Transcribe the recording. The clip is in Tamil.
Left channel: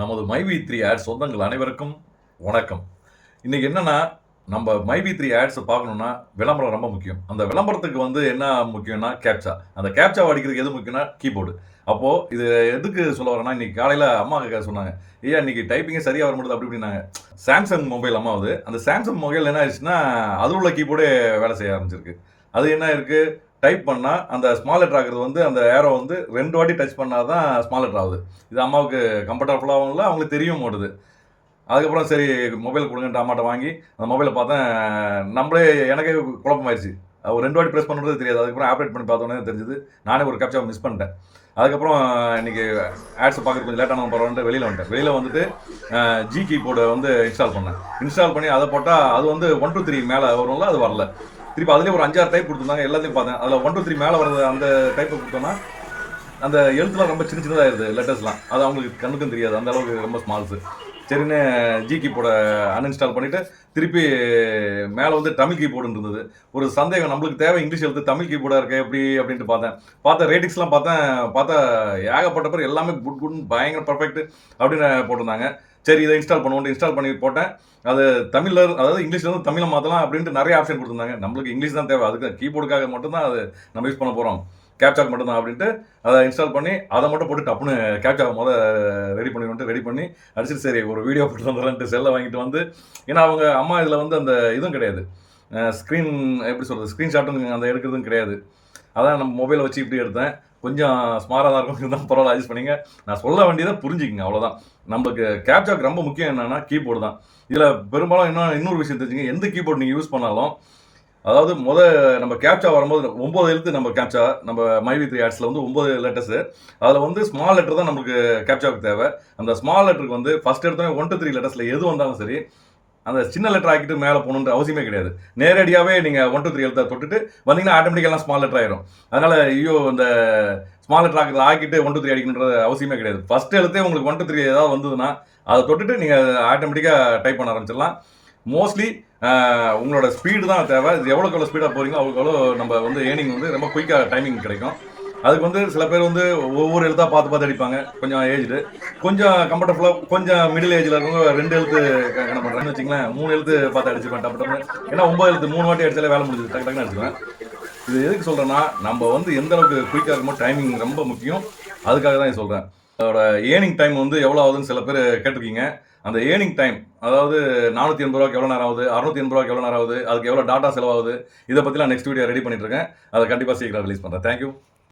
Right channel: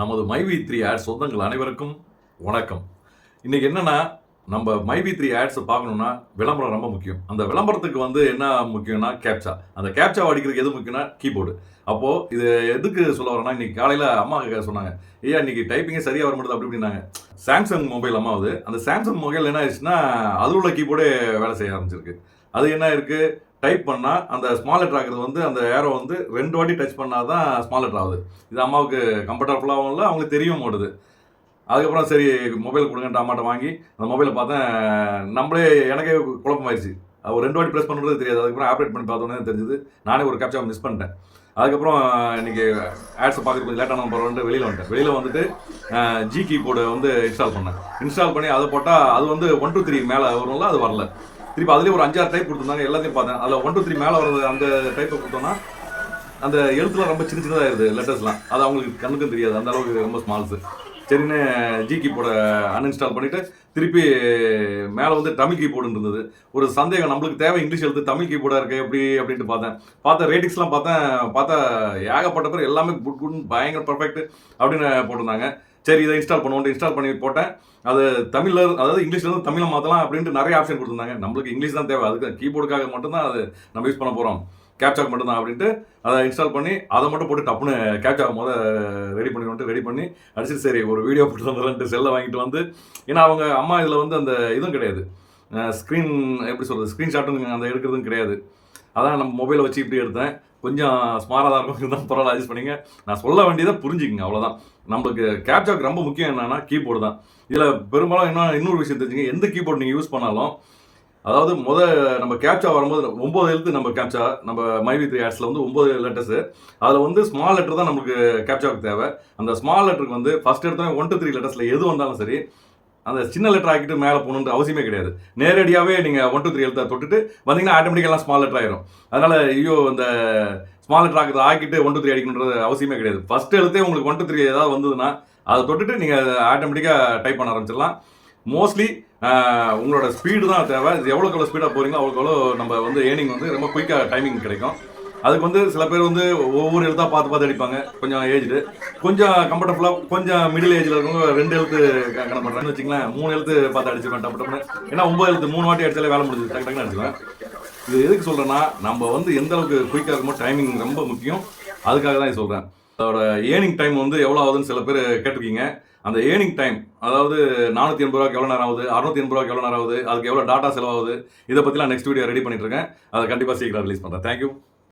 நமது மைவி3 ஆட்ஸ் சொந்தங்கள் அனைவருக்கும் வணக்கம். இன்னைக்கு என்னன்னா, நம்ம மைவி3 ஆட்ஸ் பார்க்கணும்னா விளம்பரம் ரொம்ப முக்கியம். அந்த விளம்பரத்துக்கு என்ன முக்கியம்னா கேப்சா. அந்த கேப்சாவ அடிக்கிறதுக்கு எது முக்கியம்னா கீபோர்டு. அப்போ இது எதுக்கு சொல்ல வரேன்னா, இன்னைக்கு காலையில அம்மா சொன்னாங்க. "ஐயா இன்னைக்கு டைப்பிங்கே சரியா வர மாட்டேங்குது" அப்படி இப்படின்னாங்க. Samsung mobile அம்மாவுது. அந்த சாம்சங் மொபைல் என்ன ஆயிடுச்சுன்னா, அதில உள்ள கீபோர்டே வேலை செய்ய ஆரம்பிச்சிருக்கு. அது என்ன ஆயிருக்கு, டைப் பண்ணா அந்த ஸ்மால் லெட்டர் ஆகுறது அந்த ஏரோ 2 வாட்டி டச் பண்ணா தான் ஸ்மால் லெட்டர் ஆகுது. இது அம்மாவுக்கு கம்ஃபர்டபுளாவும் இல்ல, அவங்களுக்கு தெரியவும் மாட்டுது. அதுக்கப்புறம் சரி மொபைல் குடுங்கன்ட்டு அம்மாட்ட வாங்கி, அந்த மொபைல பார்த்தேன், நம்மளே எனக்கே குழப்பமாயிருச்சு. ஒரு 2 வாட்டி பிரஸ் பண்ணுறது தெரியாது. அதுக்கப்புறம் ஆப்பரேட் பண்ணி பார்த்தோனே தான் தெரிஞ்சது. நானே ஒரு கேப்சாவ மிஸ் பண்ணிட்டேன். அதுக்கப்புறம் இன்னைக்கு ஆட்ஸ பார்க்கறதுக்கு கொஞ்சம் லேட் ஆனாலும் பரவாயில்லன்ட்டு வெளியில வந்துட்டேன். வெளியில வந்துட்டு ஜி கீபோர்ட இன்ஸ்டால் பண்ணேன். இன்ஸ்டால் பண்ணி அத போட்டா அது 1, 2, 3 மேல வரும்ல, அது வரல. திருப்பி அதிலேயே ஒரு 5, 6 டைப் கொடுத்துருந்தாங்க. எல்லாத்தையும் பார்த்தேன். அதில் 1, 2, 3 மேலே வர்றது அந்த டைப்பை கொடுத்தோம்னா அந்த எழுத்துலாம் ரொம்ப சின்ன சின்னதாகிடுது, லெட்டர்ஸ்லாம். அது அவங்களுக்கு கண்ணுக்கும் தெரியாது, அந்த அளவுக்கு ரொம்ப ஸ்மால்ஸு. சரின்னு ஜி கீபோர்டை அன்இன்ஸ்டால் பண்ணிவிட்டு திருப்பி மேலே தமிழ் கீபோர்டுன்னு இருந்தது. ஒரு சந்தேகம், நம்மளுக்கு தேவை இங்கிலீஷ் எழுத்து, தமிழ் கீபோர்டாக இருக்கே எப்படி அப்படின்ட்டு பார்த்தேன் ரேட்டிங்ஸ்லாம் பார்த்தா ஏகப்பட்ட பேர் எல்லாமே குட்னு பயங்கர பர்ஃபெக்ட் அப்படின்னு போட்டிருந்தாங்க. சரி இதை இன்ஸ்டால் பண்ணுவோம், இன்ஸ்டால் பண்ணி போட்டேன். அது தமிழில் அதாவது இங்கிலீஷ்லேருந்து தமிழை மாற்றலாம் அப்படின்ட்டு நிறைய ஆப்ஷன் கொடுத்துருந்தாங்க. நம்மளுக்கு இங்கிலீஷ் தான் தேவை, அதுக்கு கீபோர்டுக்காக மட்டும்தான் அது நம்ம யூஸ் பண்ண போகிறோம், கேப்சாக்கு மட்டும்தான் அப்படின்ட்டு அதை இன்ஸ்டால் பண்ணி அதை மட்டும் போட்டு டப்புன்னு கேப்சாவை ரெடி பண்ணி அடிச்சுட்டு சரி ஒரு வீடியோ போட்டு வந்துடலான்ட்டு செல்லை வாங்கிட்டு ஏன்னா அவங்க அம்மா இதில் அந்த இதுவும் கிடையாது, ஸ்க்ரீன் எப்படி சொல்கிறது, ஸ்க்ரீன்ஷாட்டும் அந்த எடுக்கிறதும் கிடையாது. அதான் நம்ம மொபைலை வச்சு இப்படி எடுத்தேன். கொஞ்சம் ஸ்மாராக தான் இருக்கும், இருந்தால் பரவாயில்ல, அட்ஜஸ்ட் பண்ணிங்க. நான் சொல்ல வேண்டியதை புரிஞ்சுக்கிங்க, அவ்வளோதான். நம்மளுக்கு கேப்சாக்கு ரொம்ப முக்கியம் என்னென்னா கீபோர்டு தான். இதில் பெரும்பாலும் இன்னொரு விஷயம் தெரிஞ்சுங்க, எந்த கீபோர்டு நீங்கள் யூஸ் பண்ணாலும், அதாவது நம்ம கேப்சா வரும்போது 9 எழுத்து நம்ம கேப்சா, நம்ம மைவி3 ஆட்ஸில் 9 லெட்டர்ஸு. அதில் ஸ்மால் லெட்டர் தான் நமக்கு கேப்சாவுக்கு தேவை. அந்த ஸ்மால் லெட்டருக்கு ஃபஸ்ட் எடுத்தோடனே 1 to 3 லெட்டர்ஸில் எது வந்தாலும் சரி, அந்த சின்ன லெட்டர் ஆக்கிட்டு மேலே போகணுன்ற அவசியமே கிடையாது. நேரடியாகவே நீங்கள் 1 to 3 எழுத்தை தொட்டுட்டு வந்தீங்கன்னா ஆட்டோமேட்டிக்காக ஸ்மால் லெட்டர் ஆயிரும். அதனால் இந்த ஸ்மால் லெட்டர் ஆக்கிட்டு 1 to 3 அடிக்கணுன்றது அவசியமே கிடையாது. ஃபஸ்ட் எழுத்தே உங்களுக்கு 1 to 3 ஏதாவது வந்ததுன்னா அதை தொட்டுட்டு நீங்கள் ஆட்டோமேட்டிக்காக டைப் பண்ண ஆரம்பிச்சிடலாம். மோஸ்ட்லி உங்களோட ஸ்பீடு தான் தேவை. இது எவ்வளோக்கு எவ்வளோ ஸ்பீடாக போகிறீங்களோ அவ்வளோக்கு எவ்வளோ நம்ம ஏர்னிங் ரொம்ப குயிக்காக டைமிங் கிடைக்கும். அதுக்கு சில பேர் ஒவ்வொரு எழுத்தாக பார்த்து அடிப்பாங்க. கொஞ்சம் ஏஜ்டு, கொஞ்சம் கம்ஃபர்டபுளாக, கொஞ்சம் மிடில் ஏஜில் இருக்கவங்க 2 எழுத்து கணக்கு பண்ணுறாங்கன்னு வச்சுங்களேன். 3 எழுத்து பார்த்து அடிச்சுருவேன் டப்பு. ஏன்னா 9 எழுத்து 3 வாட்டி அடிச்சாலே வேலை முடிஞ்சது, டக்குன்னு அடிச்சிடுவேன். இது எதுக்கு சொல்கிறேன்னா, நம்ம எந்த அளவுக்கு குயிக்காக இருக்குமோ டைமிங் ரொம்ப முக்கியம். அதுக்காக தான் இது சொல்கிறேன். அதோட ஏர்னிங் டைம் எவ்வளோ ஆகுதுன்னு சில பேர் கேட்டிருக்கீங்க. அந்த ஏர்னிங் டைம், அதாவது 480 ரூபாய்க்கு எவ்வளோ நேரம் ஆகுது, 680 ரூபாய்க்கு எவ்வளோ நேரம் ஆகுது, அதுக்கு எவ்வளோ டாட்டா செலவாகுது, இதை பற்றிலாம் நெக்ஸ்ட் வீடியோ ரெடி பண்ணிட்டு இருக்கேன். அதை கண்டிப்பாக சீக்கிரம் ரிலீஸ் பண்ணுறேன். தேங்க்யூ.